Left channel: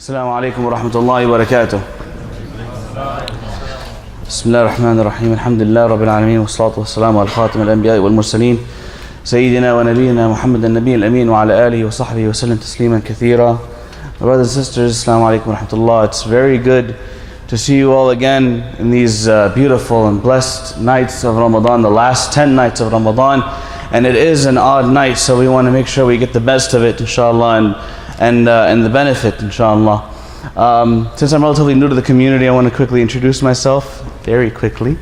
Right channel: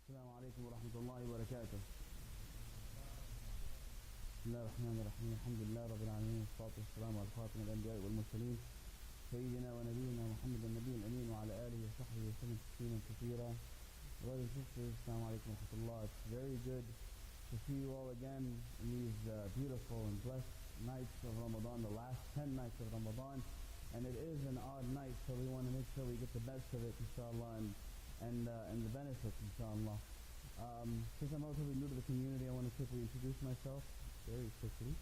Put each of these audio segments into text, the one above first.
Assalamu alaikum wa rahmatullahi wa barakatuh. Bismillah ar-Rahman ar-Rahim. Alhamdulillah Rabbil Alameen. Wa salatu wa salamu ala khatim al-anbiya wal mursaleen. Sayyidina wa nabiyyina Muhammad al-Nabi al-Amin wa ala alihi wa sahbihi wa sallam tasliman kathira. My brothers and sisters, Assalamu alaikum wa rahmatullah. It's very good to see you all again in these beautiful and blessed nights of Ramadan, the last 10 nights of Ramadan. And it is an odd night, so we want to make sure we get the best of it, inshallah, and the benefit, inshallah. Since I'm relatively new to the community, I want to quickly introduce myself, very quickly.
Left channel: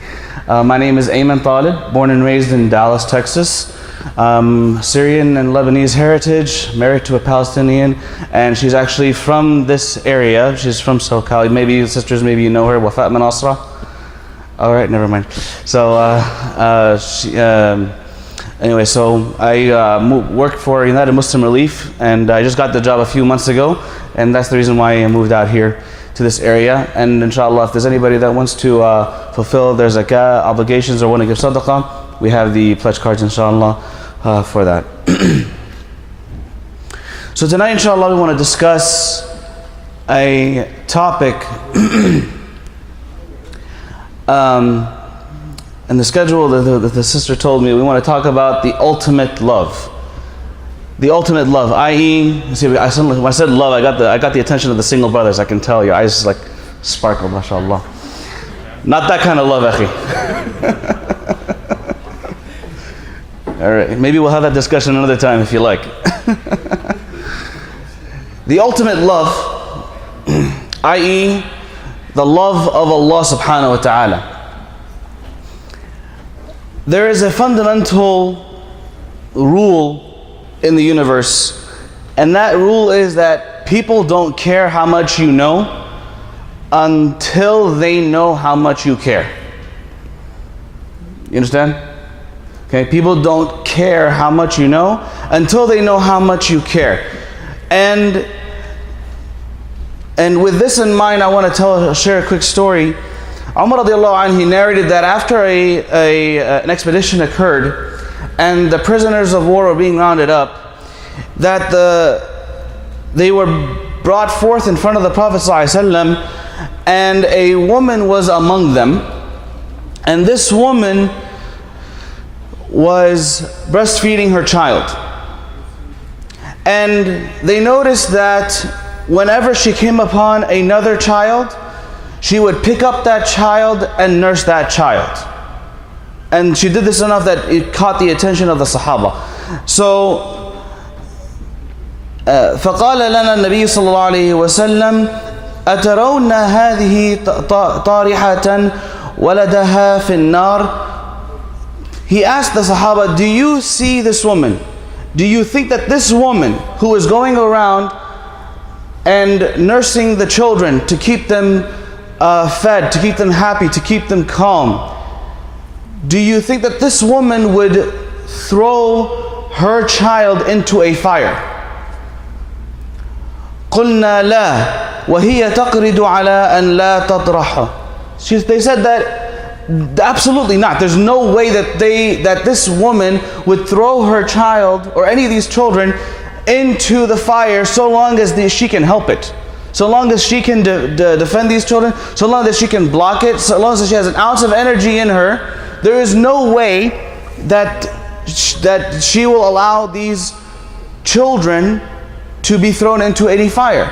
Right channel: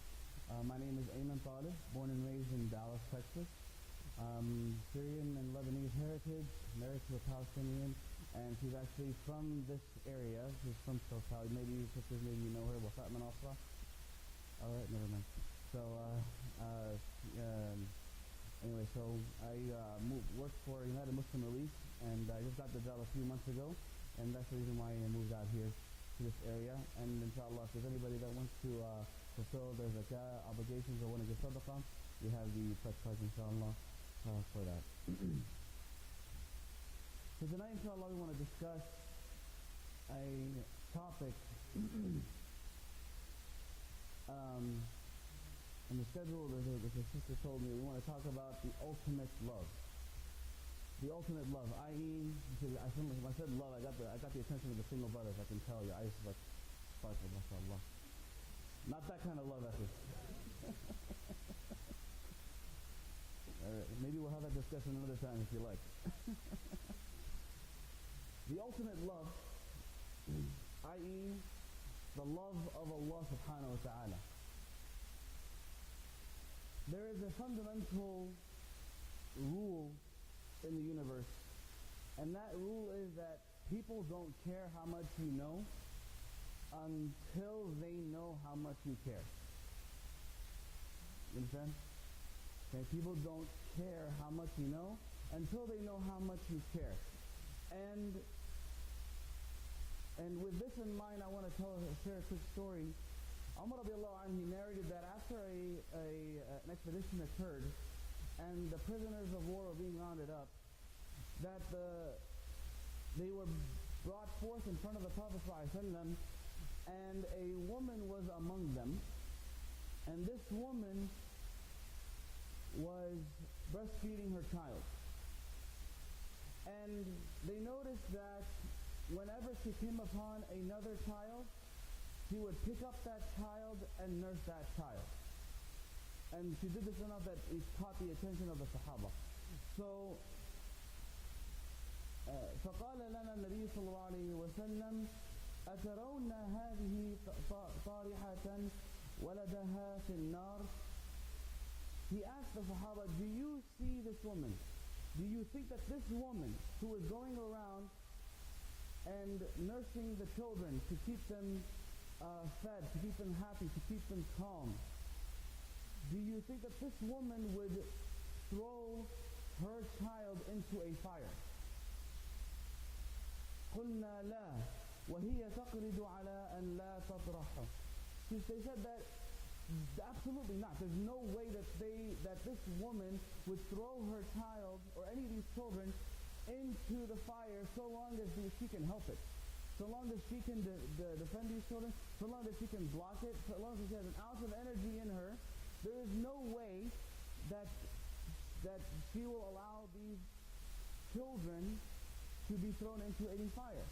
My name is Ayman Taleb, born and raised in Dallas, Texas. Syrian and Lebanese heritage, married to a Palestinian, and she's actually from this area. She's from SoCal. Maybe sisters, maybe you know her, Wafat Manasra. All right, never mind. So, anyway, so I work for United Muslim Relief, and I just got the job a few months ago, and that's the reason why I moved out here to this area. And inshallah, if there's anybody that wants to fulfill their zakah obligations or want to give sadaqah, we have the pledge cards, inshallah, for that. So tonight, inshallah, we want to discuss a topic and the schedule that the sister told me, we want to talk about the ultimate love. The ultimate love, i.e., see, when I said love, I got the attention of the single brothers. I can tell your eyes like sparkle, mashallah. Not that kind of love, akhi. All right, maybe we'll have that discussion another time if you like. The ultimate love, i.e., the love of Allah subhanahu wa ta'ala. There is a fundamental rule in the universe, and that rule is that people don't care how much you know until they know how much you care. You understand? Okay, people don't care how much you know until they know how much you care. And with this in mind, I want to share a quick story. Umar radiallahu anhu, he narrated that after an expedition occurred and the prisoners of war were being rounded up, that they were brought forth in front of the Prophet ﷺ, and a woman was among them, and this woman was breastfeeding her child. And they noticed that whenever she came upon another child, she would pick up that child and nurse that child. And she did this enough that it caught the attention of the Sahaba. So, فقال لنا النبي صلى الله عليه وسلم أترون هذه طارحة ولدها في النار. He asked the Sahaba, do you see this woman? Do you think that this woman who is going around and nursing the children to keep them fed, to keep them happy, to keep them calm, do you think that this woman would throw her child into a fire? قلنا لا وهي تقرد على أن لا تطرحه. They said that absolutely not. There's no way that this woman would throw her child or any of these children into the fire so long as she can help it. So long as she can defend these children, so long as she can block it, so long as she has an ounce of energy in her, there is no way that she will allow these children to be thrown into any fire,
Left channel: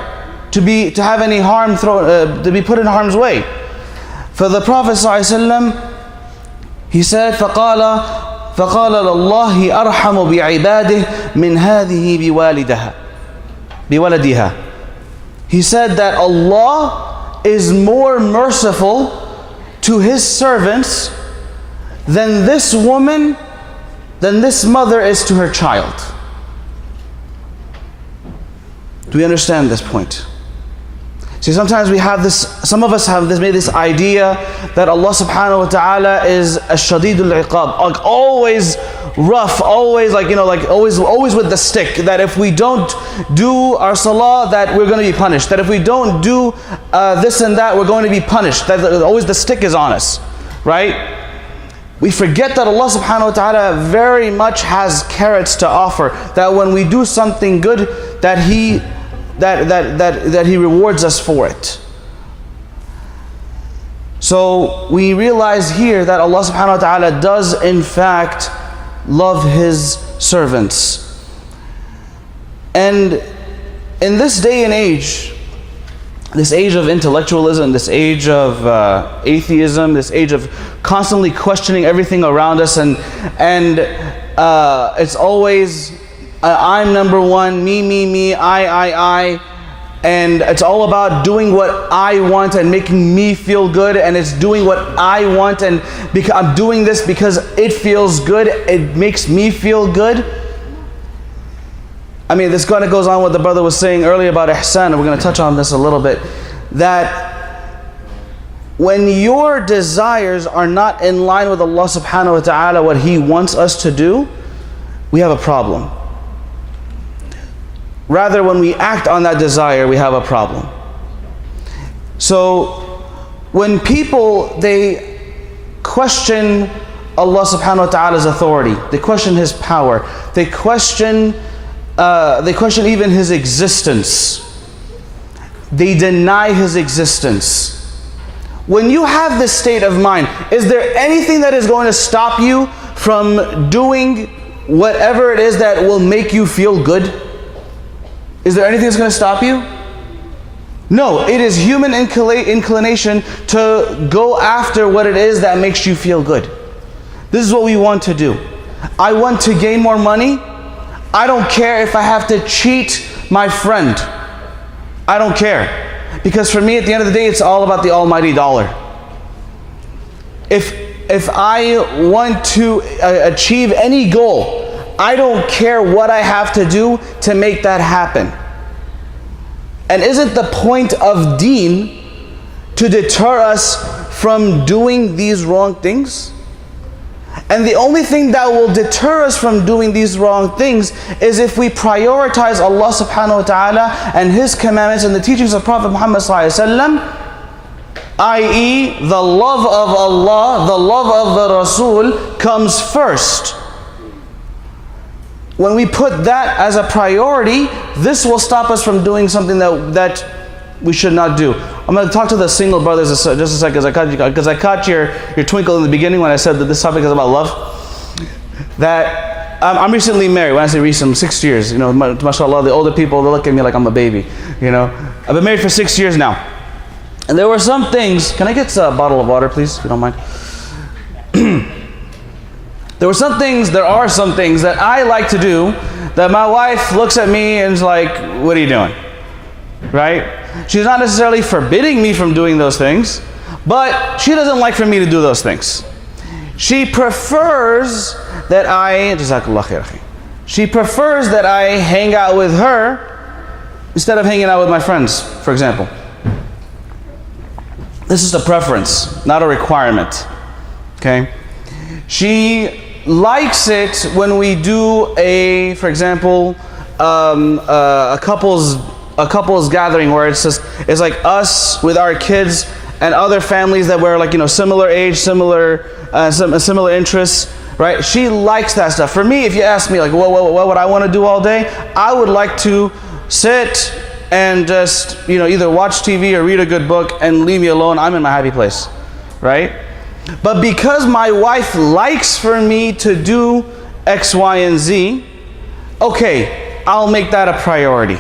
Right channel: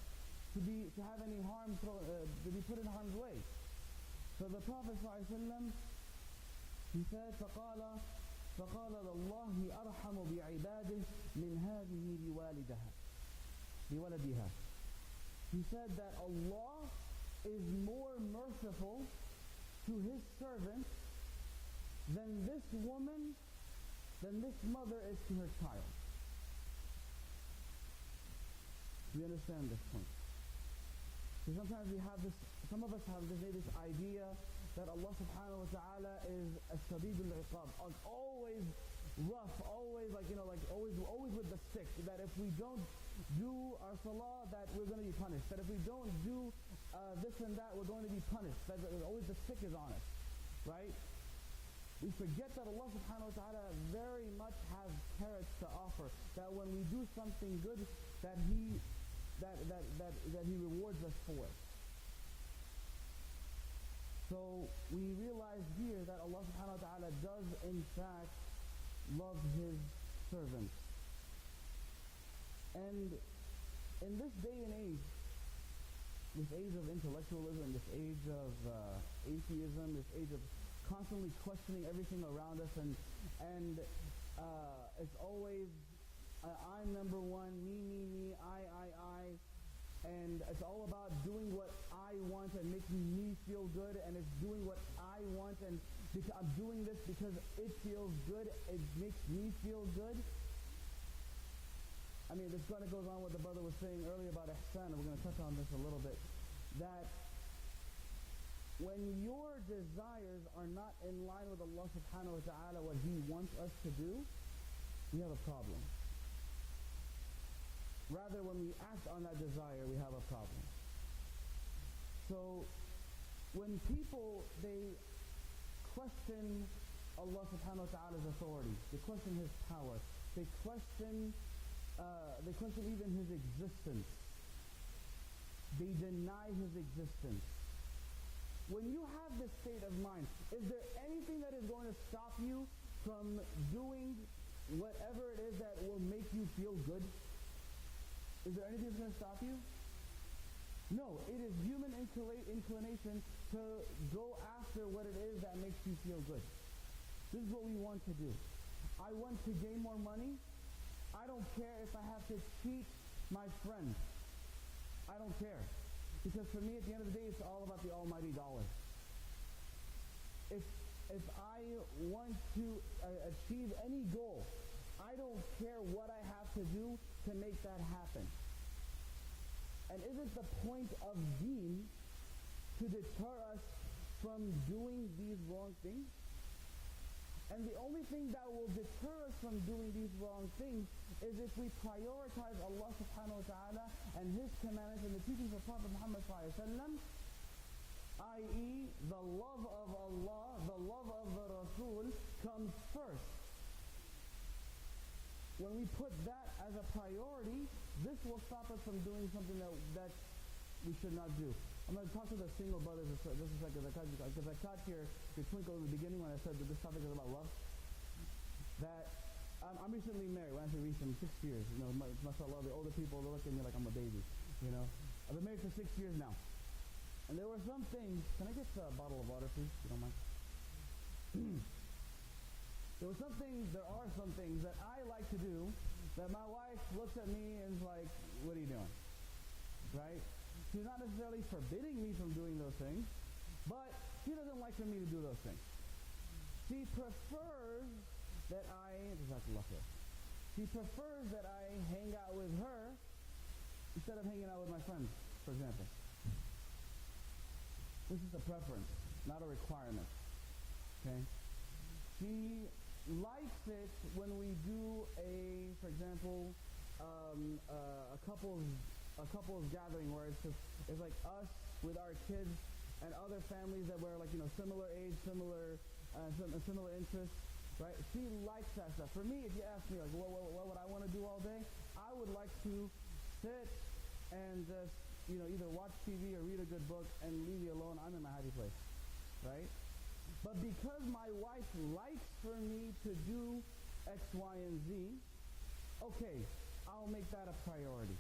to have any harm to be put in harm's way. For the Prophet ﷺ, he said, فقال لله أرحم بعباده من هذه بولدها. He said that Allah is more merciful to His servants than this woman, than this mother is to her child. Do we understand this point? See, sometimes we have this, some of us have made this idea that Allah subhanahu wa ta'ala is ash-shadidul iqab, like always rough, always always with the stick, that if we don't do our salah, that we're going to be punished, that if we don't do this and that, we're going to be punished, that always the stick is on us, right? We forget that Allah subhanahu wa ta'ala very much has carrots to offer, that when we do something good, that He that He rewards us for it. So we realize here that Allah subhanahu wa ta'ala does in fact love His servants. And in this day and age, this age of intellectualism, this age of atheism, this age of constantly questioning everything around us, and it's always I'm number one, me, I, and it's all about doing what I want and making me feel good, and it's doing what I want, and because I'm doing this because it feels good, it makes me feel good. I mean, this kind of goes on what the brother was saying earlier about ihsan, and we're going to touch on this a little bit, that when your desires are not in line with Allah subhanahu wa ta'ala, what He wants us to do, we have a problem. Rather, when we act on that desire, we have a problem. So, when people, they question Allah subhanahu wa ta'ala's authority, they question His power, they question even His existence, they deny His existence. When you have this state of mind, is there anything that is going to stop you from doing whatever it is that will make you feel good? Is there anything that's going to stop you? No, it is human inclination to go after what it is that makes you feel good. This is what we want to do. I want to gain more money. I don't care if I have to cheat my friend. I don't care. Because for me, at the end of the day, it's all about the almighty dollar. If I want to achieve any goal, I don't care what I have to do to make that happen. And isn't the point of deen to deter us from doing these wrong things? And the only thing that will deter us from doing these wrong things is if we prioritize Allah subhanahu wa ta'ala and His commandments and the teachings of Prophet Muhammad sallallahu alaihi wasallam, i.e. the love of Allah, the love of the Rasul comes first. When we put that as a priority, this will stop us from doing something that we should not do. I'm going to talk to the single brothers just a second, because I caught your twinkle in the beginning when I said that this topic is about love. That I'm recently married. When I say recent, I'm 6 years. You know, mashallah, the older people, they look at me like I'm a baby. You know, I've been married for 6 years now. And there were some things, can I get a bottle of water, please, if you don't mind? There are some things that I like to do that my wife looks at me and is like, what are you doing? Right? She's not necessarily forbidding me from doing those things, but she doesn't like for me to do those things. She prefers that I hang out with her instead of hanging out with my friends, for example. This is a preference, not a requirement. Okay? She likes it when we do for example, a couple's gathering where it's like us with our kids and other families that were like, you know, similar age, similar interests, right? She likes that stuff. For me, if you ask me like, what would I want to do all day? I would like to sit and just, you know, either watch TV or read a good book and leave me alone. I'm in my happy place, right? But because my wife likes for me to do X, Y, and Z, okay, I'll make that a priority,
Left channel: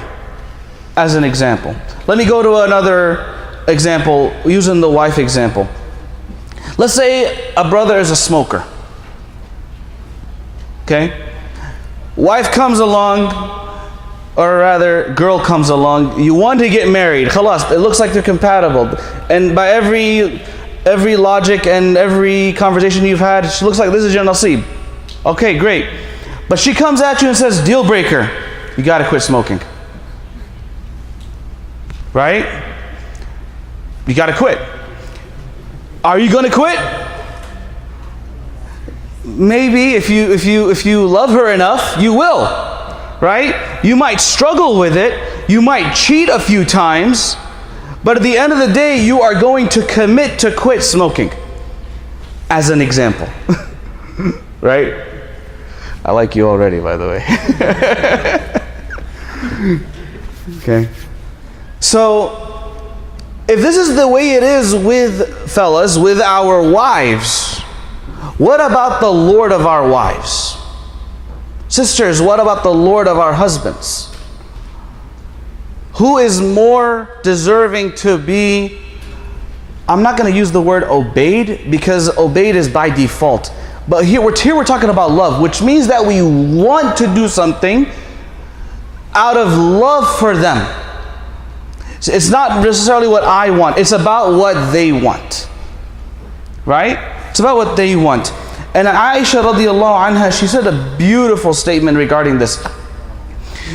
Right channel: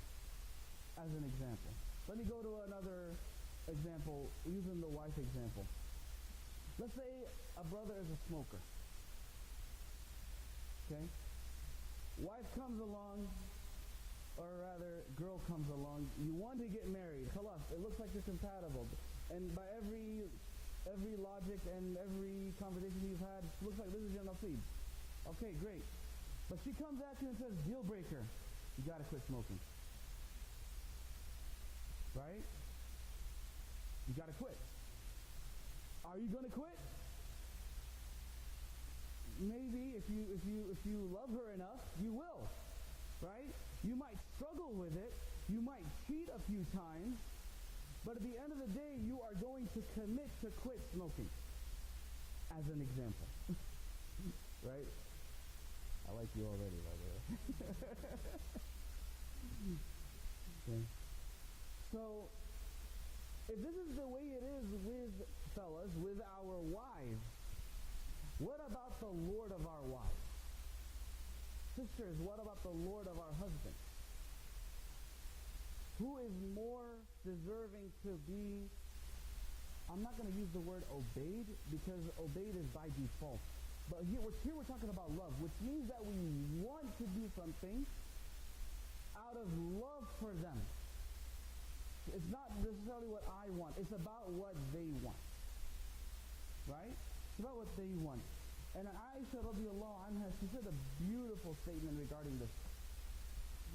as an example. Let me go to another example, using the wife example. Let's say a brother is a smoker. Okay? Wife comes along, or rather, girl comes along. You want to get married. Khalas, it looks like they're compatible. And by every logic and every conversation you've had, she looks like this is your nasib. Okay, great. But she comes at you and says, deal breaker, you got to quit smoking. Right? You got to quit. Are you going to quit? Maybe if you love her enough, you will. Right? You might struggle with it. You might cheat a few times. But at the end of the day, you are going to commit to quit smoking. As an example. Right? I like you already, by the way. Okay. So, if this is the way it is with fellas, with our wives, what about the Lord of our wives? Sisters, what about the Lord of our husbands? Who is more deserving to be, I'm not going to use the word obeyed, because obeyed is by default. But here we're talking about love, which means that we want to do something out of love for them. It's not necessarily what I want, it's about what they want. Right? It's about what they want. And Aisha radiallahu anha, she said a beautiful statement regarding this.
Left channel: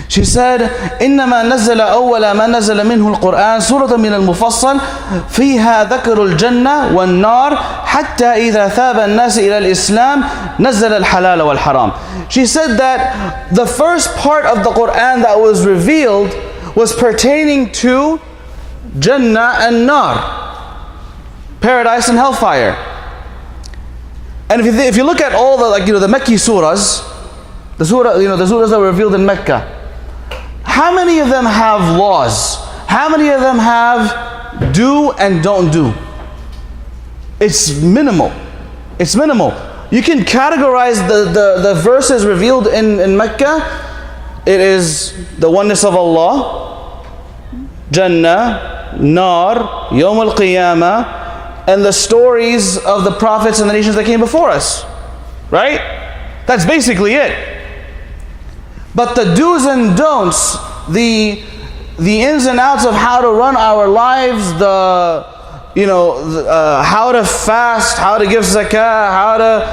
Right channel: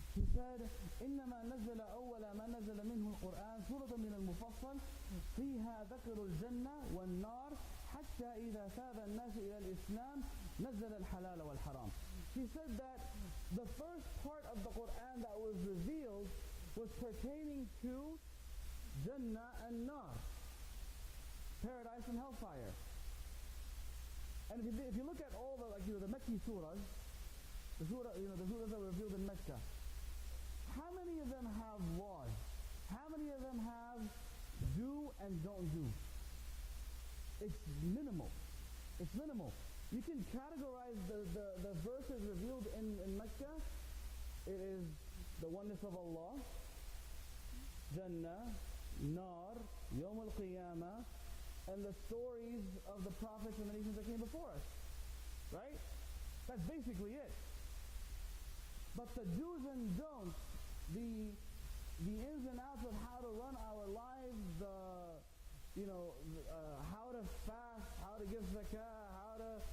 She said, إنما نزل أول ما نزل منه القرآن سورة من المفصل فيها ذكر الجنة والنار حتى إذا ثاب الناس إلى الإسلام نزل الحلال والحرام. She said that the first part of the Quran that was revealed was pertaining to Jannah and Nar, paradise and hellfire. And if you look at all the the Mecca surahs, the surahs that were revealed in Mecca, how many of them have laws? How many of them have do and don't do? It's minimal. It's minimal. You can categorize the verses revealed in Mecca. It is the oneness of Allah, Jannah, Nar, Yawm al-Qiyamah, and the stories of the prophets and the nations that came before us. Right? That's basically it. But the do's and don'ts, the ins and outs of how to run our lives, how to fast, how to give zakah,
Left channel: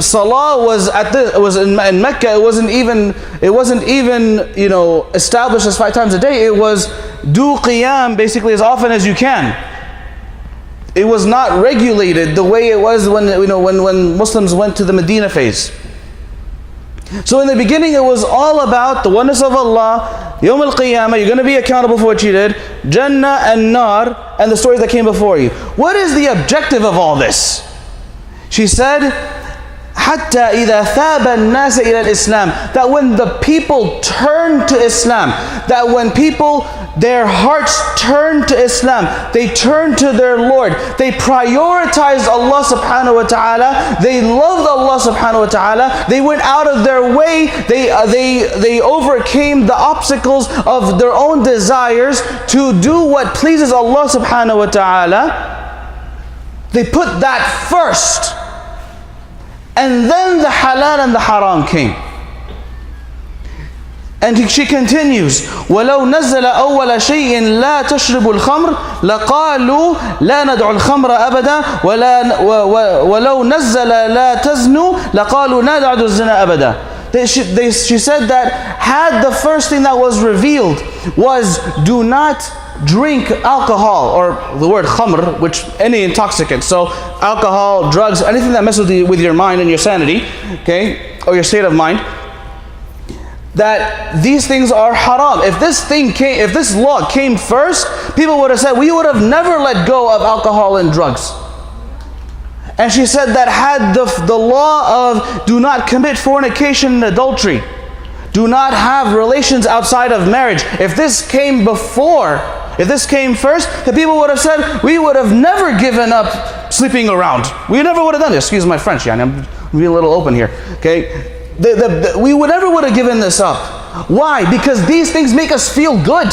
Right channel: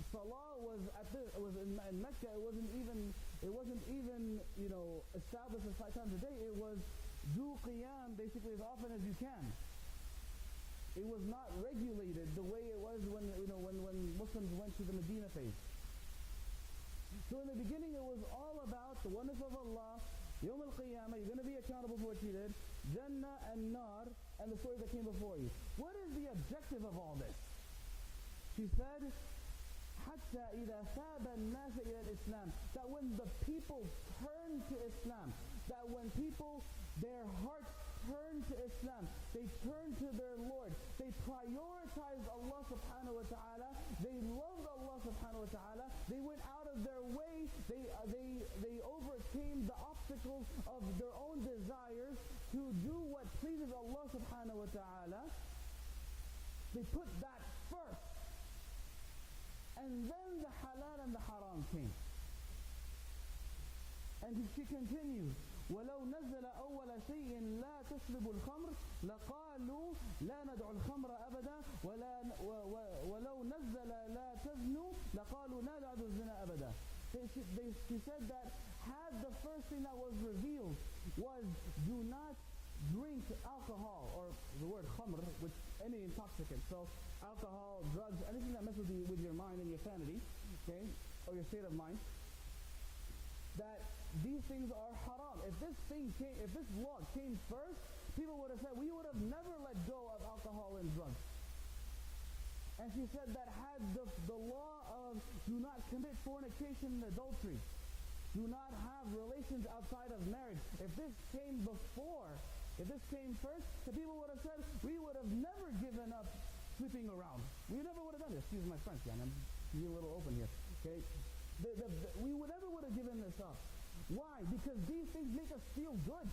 salah was in Mecca. It wasn't even established as 5 times a day. It was do qiyam basically as often as you can. It was not regulated the way it was when Muslims went to the Medina phase. So in the beginning it was all about the oneness of Allah, Yawm al-Qiyamah, you're going to be accountable for what you did, Jannah and Nar, and the stories that came before you. What is the objective of all this? She said, حَتَّى إِذَا ثَابَ النَّاسَ إِلَى الْإِسْلَامِ, that when the people turn to Islam, that when their hearts turn to Islam, they turn to their Lord, they prioritized Allah subhanahu wa ta'ala, they loved Allah subhanahu wa ta'ala, they went out of their way, they overcame the obstacles of their own desires to do what pleases Allah subhanahu wa ta'ala. They put that first, and then the halal and the haram came. And she continues, وَلَوْ نَزَّلَ أَوَّلَ شَيْءٍ لَا تَشْرِبُ الْخَمْرِ لَقَالُوا لَا نَدْعُ الْخَمْرَ أَبَدًا وَلَوْ نَزَّلَ لَا تَزْنُوا لَقَالُوا نَدْعُ الزِّنَا أَبَدًا. She said that had the first thing that was revealed was do not drink alcohol, or the word khamr, which any intoxicant, so alcohol, drugs, anything that messes with your mind and your sanity, okay, or your state of mind, that these things are haram. If this law came first, people would have said, we would have never let go of alcohol and drugs. And she said that had the law of do not commit fornication and adultery, do not have relations outside of marriage, if this came first, the people would have said, we would have never given up sleeping around. We never would have done this. Excuse my French, I'm being a little open here. Okay? We never would have given this up. Why? Because these things make us feel good.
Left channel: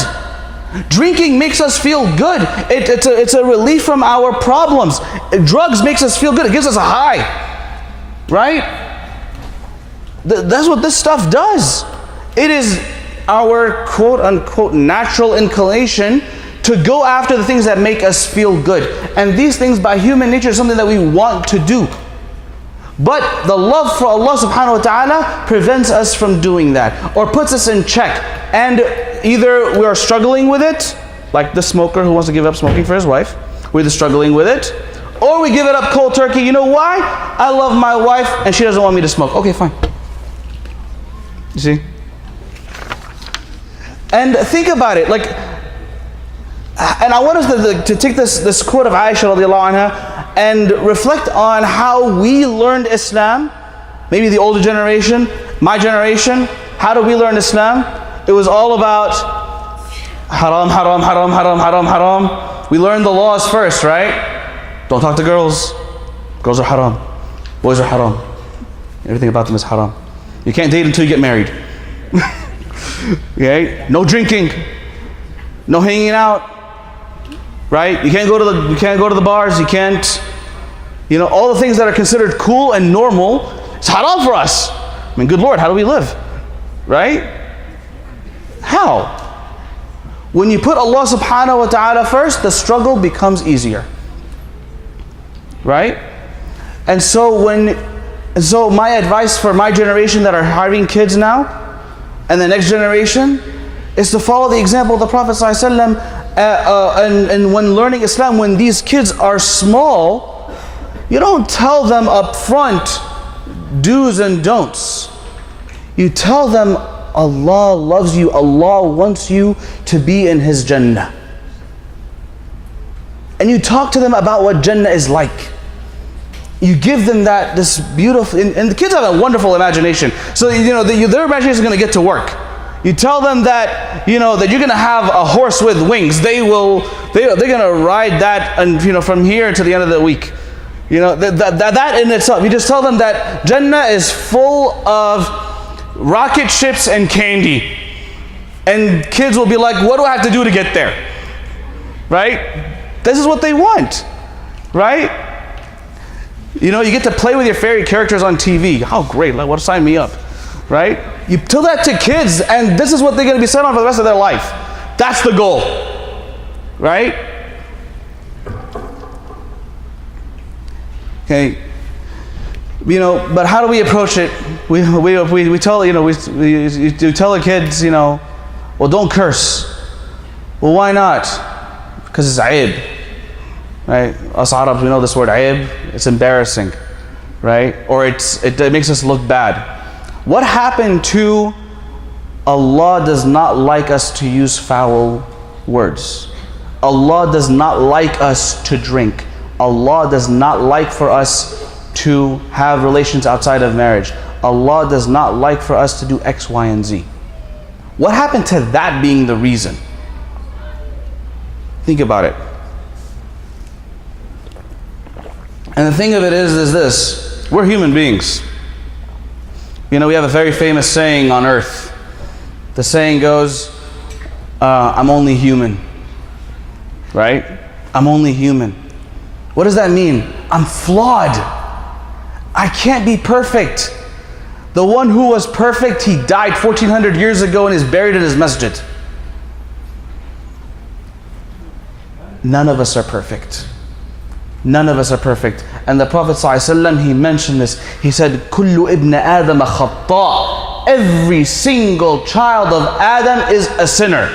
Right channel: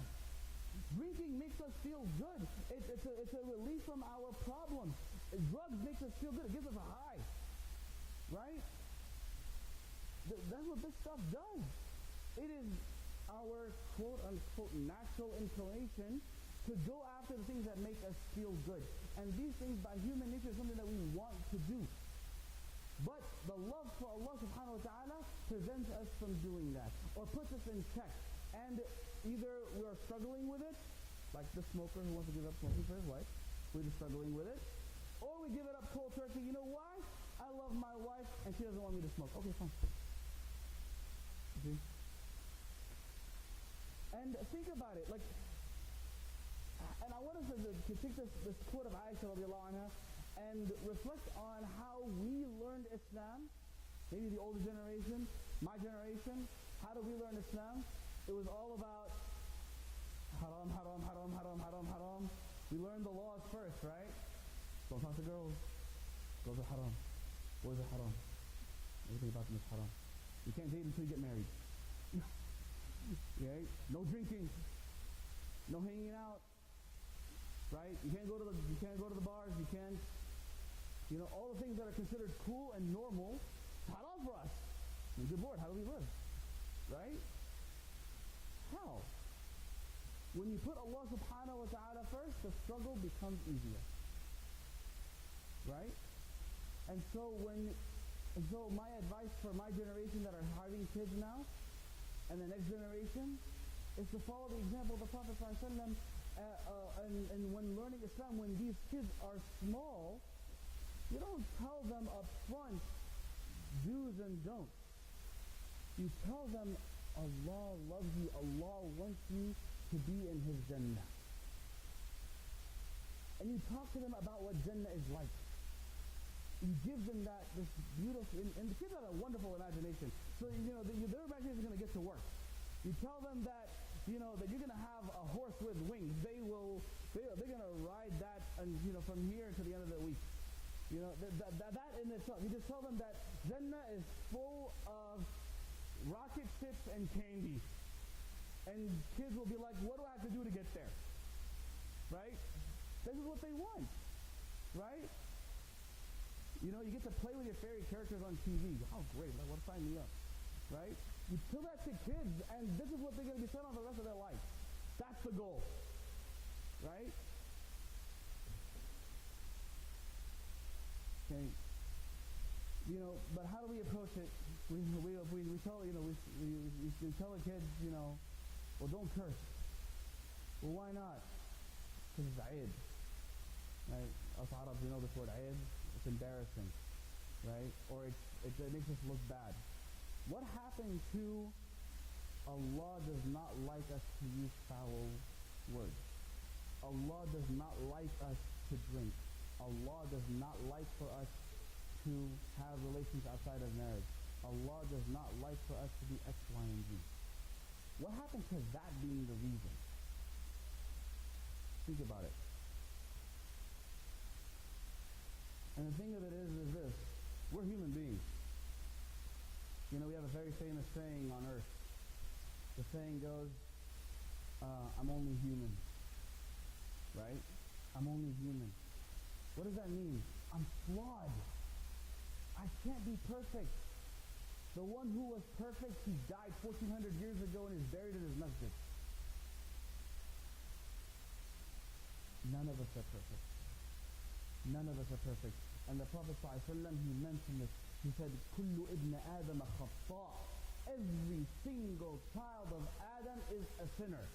Drinking makes us feel good. It's a relief from our problems. Drugs makes us feel good. It gives us a high. Right? That's what this stuff does. It is our quote-unquote natural inclination to go after the things that make us feel good. And these things by human nature is something that we want to do. But the love for Allah subhanahu wa ta'ala prevents us from doing that, or puts us in check. And either we are struggling with it, like the smoker who wants to give up smoking for his wife, we're either struggling with it, or we give it up cold turkey. You know why? I love my wife and she doesn't want me to smoke. Okay, fine. You see? And think about it, and I want us to take this quote of Aisha radiallahu anha and reflect on how we learned Islam. Maybe the older generation, my generation, how do we learn Islam? It was all about Haram, haram, haram, haram, haram, haram. We learn the laws first, right? Don't talk to girls. Girls are haram. Boys are haram. Everything about them is haram. You can't date until you get married. Okay? No drinking. No hanging out. Right? You can't go to the bars. You can't, all the things that are considered cool and normal, it's haram for us. I mean, good Lord, how do we live? Right? How? When you put Allah subhanahu wa ta'ala first, the struggle becomes easier. Right? And so my advice for my generation that are having kids now, and the next generation, is to follow the example of the Prophet ﷺ, and when learning Islam, when these kids are small, you don't tell them up front do's and don'ts. You tell them Allah loves you, Allah wants you to be in His Jannah. And you talk to them about what Jannah is like. You give them this beautiful, and the kids have a wonderful imagination. So their imagination is going to get to work. You tell them that that you're going to have a horse with wings. They're going to ride that, and from here to the end of the week. That in itself. You just tell them that Jannah is full of rocket ships and candy, and kids will be like, "What do I have to do to get there?" Right? This is what they want, right? You get to play with your favorite characters on TV. How great! Like, sign me up, right? You tell that to kids, and this is what they're going to be set on for the rest of their life. That's the goal, right? Okay. But how do we approach it? We tell we tell the kids, well, don't curse. Well, why not? Because it's aib, right? Us Arabs, we know this word aib. It's embarrassing, right? Or it makes us look bad. What happened to Allah does not like us to use foul words. Allah does not like us to drink. Allah does not like for us to have relations outside of marriage. Allah does not like for us to do X, Y, and Z. What happened to that being the reason? Think about it. And the thing of it is this: we're human beings. We have a very famous saying on earth. The saying goes, I'm only human. Right? I'm only human. What does that mean? I'm flawed. I can't be perfect. The one who was perfect, he died 1400 years ago and is buried in his masjid. None of us are perfect. None of us are perfect. And the Prophet ﷺ, he mentioned this. He said, "Kullu ibn Adam khata." Every single child of Adam is a sinner.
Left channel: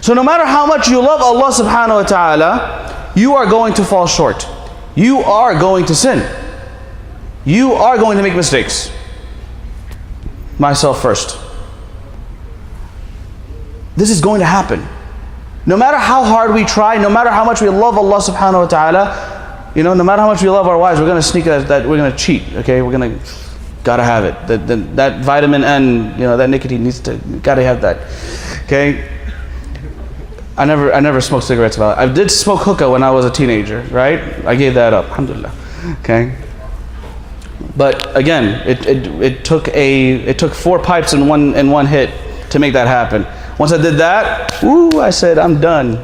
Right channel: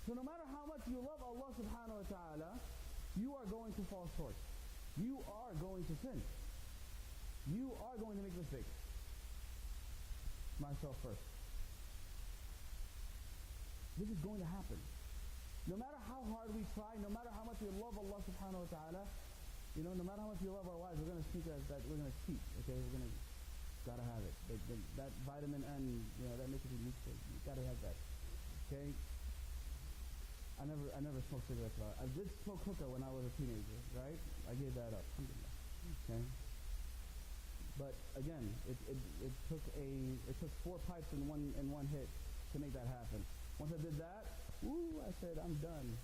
So no matter how much you love Allah subhanahu wa ta'ala, you are going to fall short. You are going to sin. You are going to make mistakes. Myself first. This is going to happen. No matter how hard we try, no matter how much we love Allah subhanahu wa ta'ala, no matter how much we love our wives, we're going to sneak that we're going to cheat, okay? We're going to, gotta have it. That vitamin N, that nicotine gotta have that, okay? I never smoked cigarettes. I did smoke hookah when I was a teenager, right? I gave that up, alhamdulillah, okay? But again, it took 4 pipes in one hit to make that happen. Once I did that, I said, I'm done.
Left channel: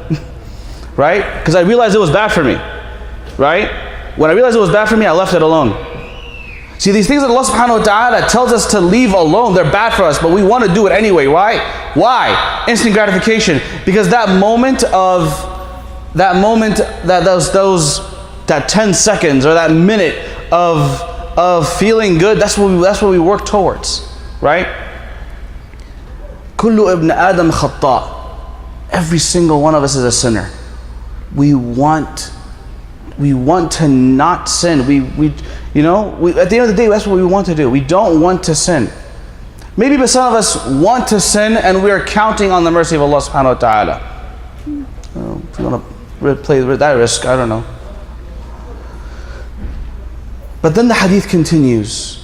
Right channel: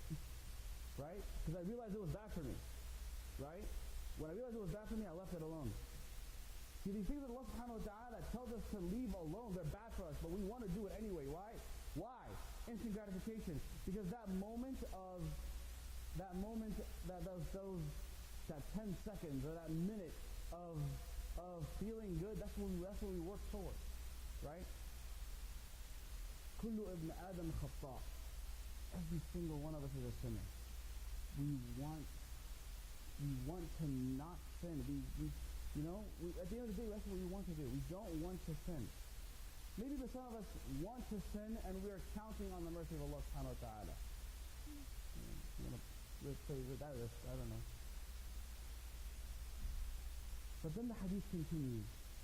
Right? Because I realized it was bad for me. Right? When I realized it was bad for me, I left it alone. See, these things that Allah subhanahu wa ta'ala tells us to leave alone, they're bad for us, but we want to do it anyway. Why? Why? Instant gratification. Because that 10 seconds or that minute of feeling good, that's what we work towards. Right? Kullu ibn Adam khata. Every single one of us is a sinner. We want to not sin. At the end of the day, that's what we want to do. We don't want to sin. Maybe some of us want to sin and we are counting on the mercy of Allah subhanahu wa ta'ala. If you want to play that risk, I don't know. But then the hadith continues.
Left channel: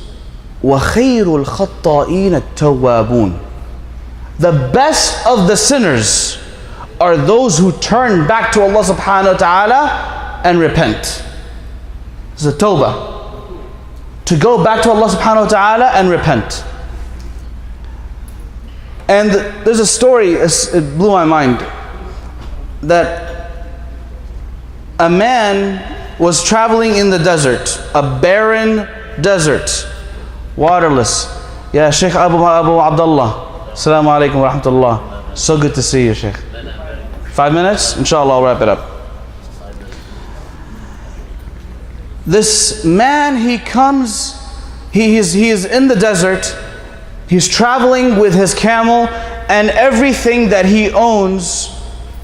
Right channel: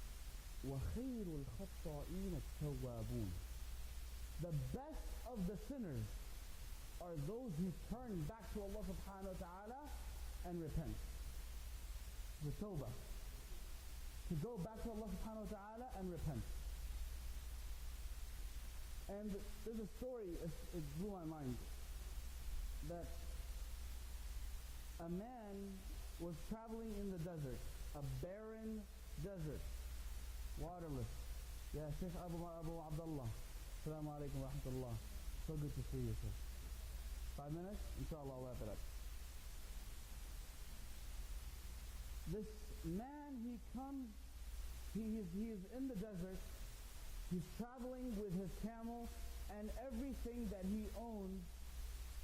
وَخَيْرُ الْخَطَّائِينَ التَّوَّابُونَ. The best of the sinners are those who turn back to Allah subhanahu wa ta'ala and repent. This is a tawbah. To go back to Allah subhanahu wa ta'ala and repent. And there's a story, it blew my mind, that a man was traveling in the desert, a barren desert, waterless. Ya Shaykh Abu Abdullah, Assalamu alaikum wa rahmatullah. So good to see you, Shaykh. 5 minutes? Inshallah, I'll wrap it up. This man, he comes, he is in the desert, he's traveling with his camel, and everything that he owns,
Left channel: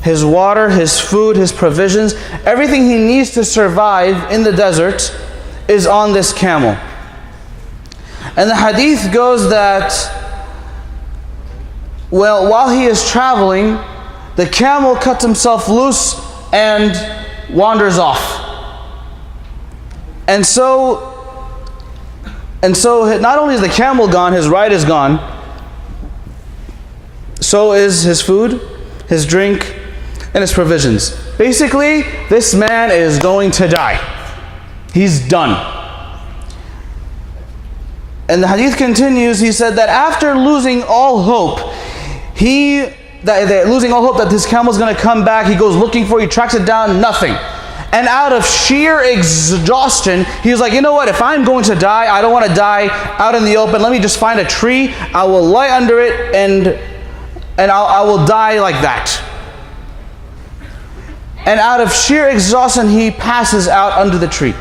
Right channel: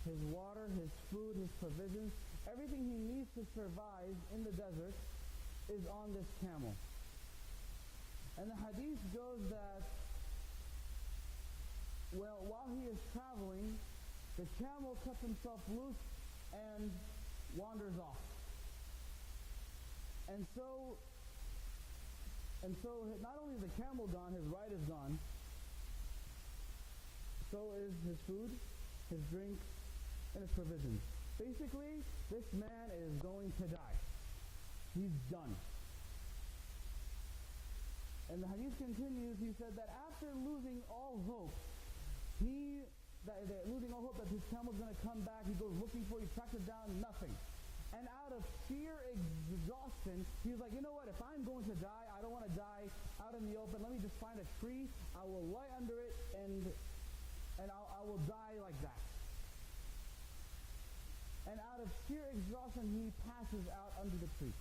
his water, his food, his provisions, everything he needs to survive in the desert is on this camel. And the hadith goes that, well, while he is traveling, the camel cuts himself loose and wanders off. And so not only is the camel gone, his ride is gone, so is his food, his drink, and his provisions. Basically, this man is going to die. He's done. And the hadith continues, he said that after losing all hope, losing all hope that his camel is going to come back, he goes looking for it, he tracks it down, nothing. And out of sheer exhaustion, he was like, you know what, if I'm going to die, I don't want to die out in the open. Let me just find a tree, I will lie under it, and I will die like that. And out of sheer exhaustion, he passes out under the tree.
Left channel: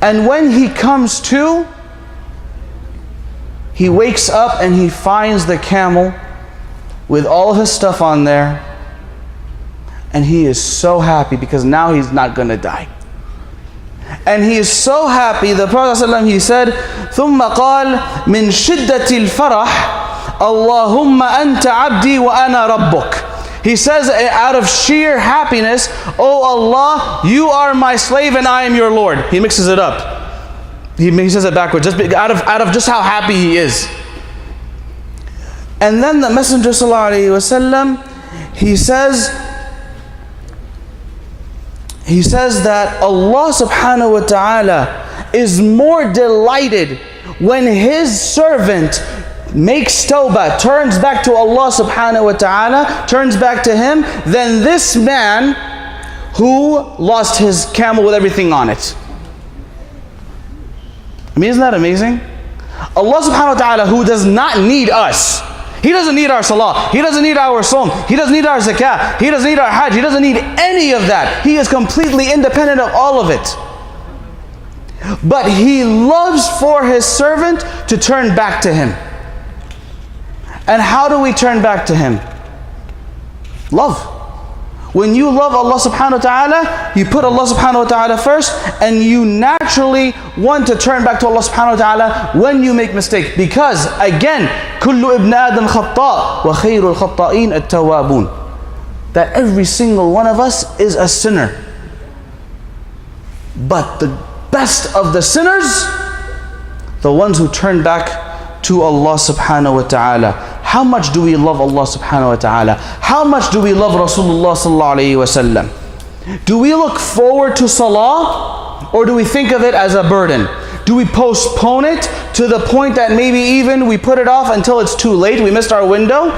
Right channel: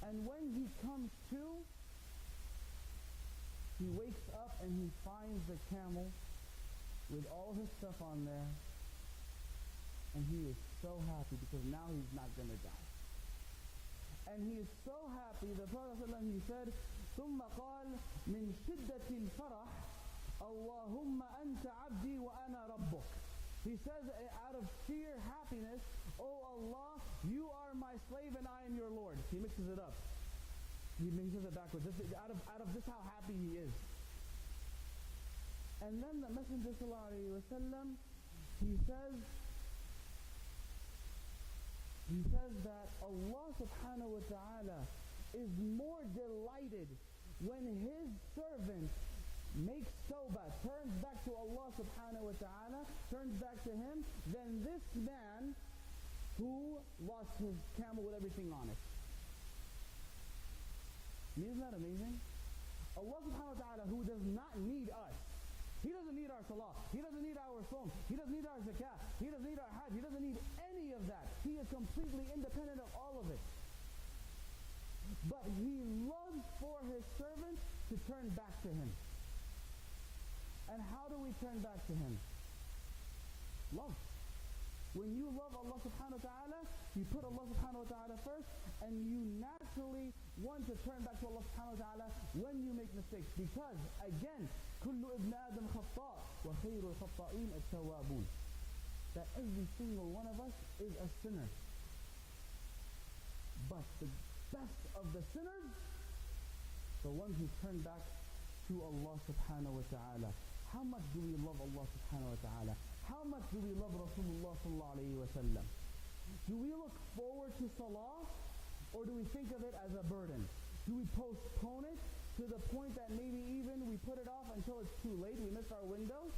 And when he comes to, he wakes up and he finds the camel with all of his stuff on there. And he is so happy because now he's not going to die. And he is so happy, the Prophet ﷺ, he said, ثُمَّ قَالْ مِنْ شِدَّةِ الْفَرَحِ اللَّهُمَّ أَنْتَ عَبْدِي وَأَنَا رَبُّكَ. He says out of sheer happiness, oh Allah, you are my slave and I am your Lord. He mixes it up. He says it backwards, just out of just how happy he is. And then the Messenger ﷺ, he says that Allah subhanahu wa ta'ala is more delighted when his servant makes tawbah, turns back to Allah subhanahu wa ta'ala, turns back to him, than this man who lost his camel with everything on it. I mean, isn't that amazing? Allah subhanahu wa ta'ala, who does not need us, He doesn't need our salah, He doesn't need our sawm, He doesn't need our zakah, He doesn't need our hajj, He doesn't need any of that. He is completely independent of all of it. But He loves for His servant to turn back to Him. And how do we turn back to Him? Love. When you love Allah subhanahu wa ta'ala, you put Allah subhanahu wa ta'ala first, and you naturally want to turn back to Allah subhanahu wa ta'ala when you make mistakes. Because again, كُلُّ إِبْنَ آدَمْ خَطَّاء وَخَيْرُ الْخَطَّائِينَ التَّوَّابُونَ. That every single one of us is a sinner. But the best of the sinners, the ones who turn back to Allah subhanahu wa ta'ala. How much do we love Allah subhanahu wa ta'ala? How much do we love Rasulullah sallallahu alayhi wa sallam? Do we look forward to salah, or do we think of it as a burden? Do we postpone it to the point that maybe even we put it off until it's too late, we missed our window?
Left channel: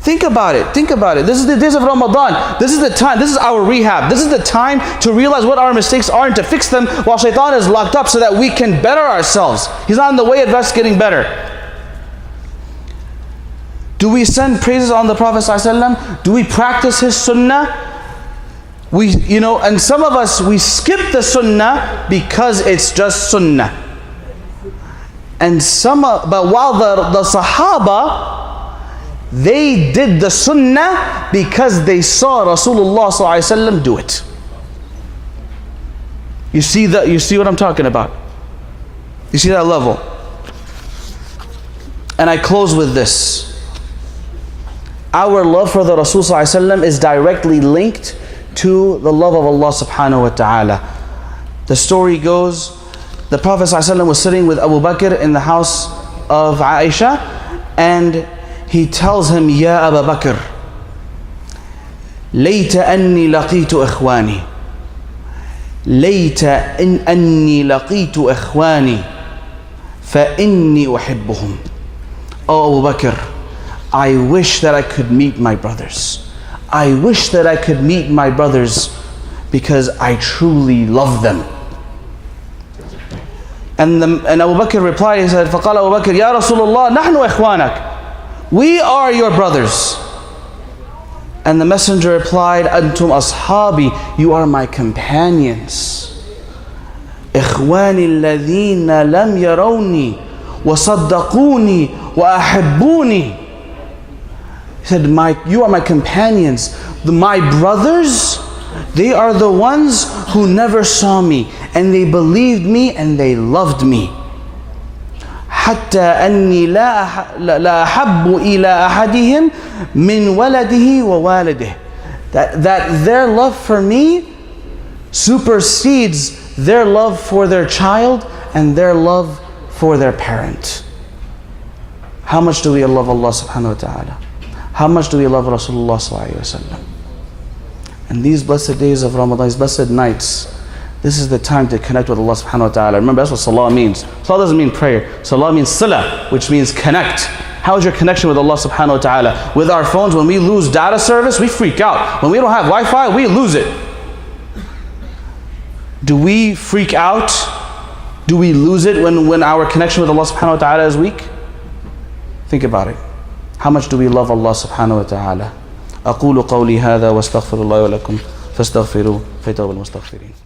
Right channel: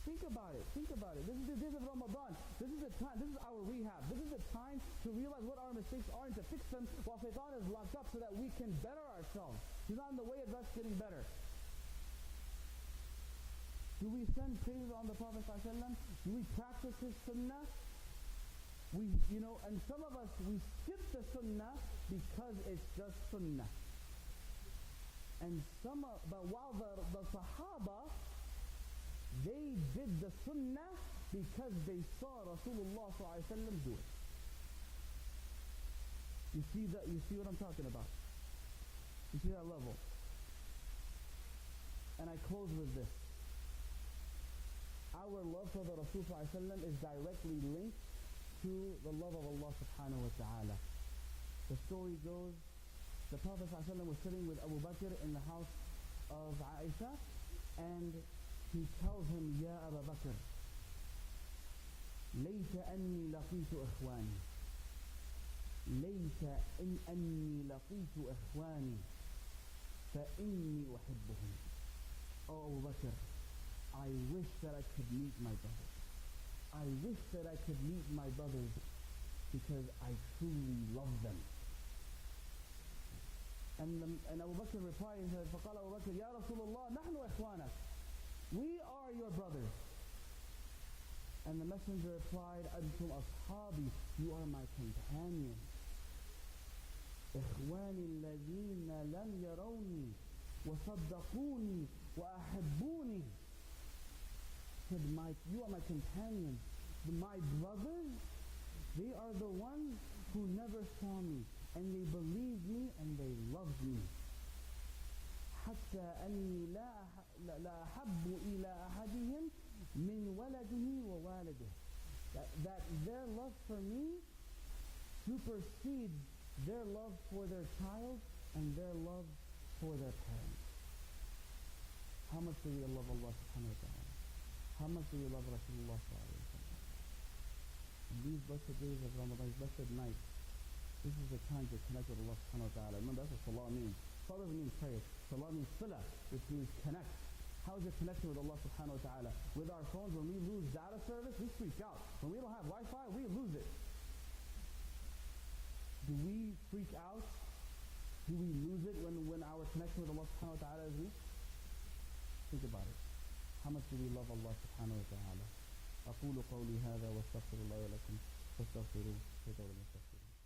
Think about it, think about it. This is the days of Ramadan. This is the time, this is our rehab. This is the time to realize what our mistakes are and to fix them while shaitan is locked up so that we can better ourselves. He's not in the way of us getting better. Do we send praises on the Prophet ﷺ? Do we practice his sunnah? And some of us, we skip the sunnah because it's just sunnah. But while the Sahaba, they did the sunnah because they saw Rasulullah ﷺ do it. You see what I'm talking about? You see that level? And I close with this. Our love for the Rasul ﷺ is directly linked to the love of Allah subhanahu wa ta'ala. The story goes, the Prophet ﷺ was sitting with Abu Bakr in the house of Aisha, and he tells him, Ya Abu Bakr, ليت أني لقيت إخواني ليت أني لقيت إخواني فإني أحبهم. Oh Abu Bakr, I wish that I could meet my brothers. I wish that I could meet my brothers because I truly love them. And Abu Bakr replied, he said, فقال أبو بكر يا رسول الله نحن إخوانك. We are your brothers. And the messenger replied, أنتم أصحابي, you are my companions. إخواني الذين لم يروني وصدقوني وأحبوني. He said, you are my companions. My brothers, they are the ones who never saw me, and they believed me, and they loved me. حتى أني لا أحب إلى أحدهم من ولده ووالده. That their love for me supersedes their love for their child and their love for their parent. How much do we love Allah subhanahu wa ta'ala? How much do we love Rasulullah sallallahu alayhi wa sallam? And these blessed days of Ramadan, these blessed nights, this is the time to connect with Allah subhanahu wa ta'ala. Remember, that's what salah means. Salah doesn't mean prayer. Salah means sila, which means connect. How is your connection with Allah subhanahu wa ta'ala? With our phones, when we lose data service, we freak out. When we don't have Wi-Fi, we lose it. Do we freak out? Do we lose it when our connection with Allah subhanahu wa ta'ala is weak? Think about it. How much do we love Allah subhanahu wa ta'ala? أقول قولي هذا واستغفر الله ولكم فاستغفروه فيتوب المستغفرين.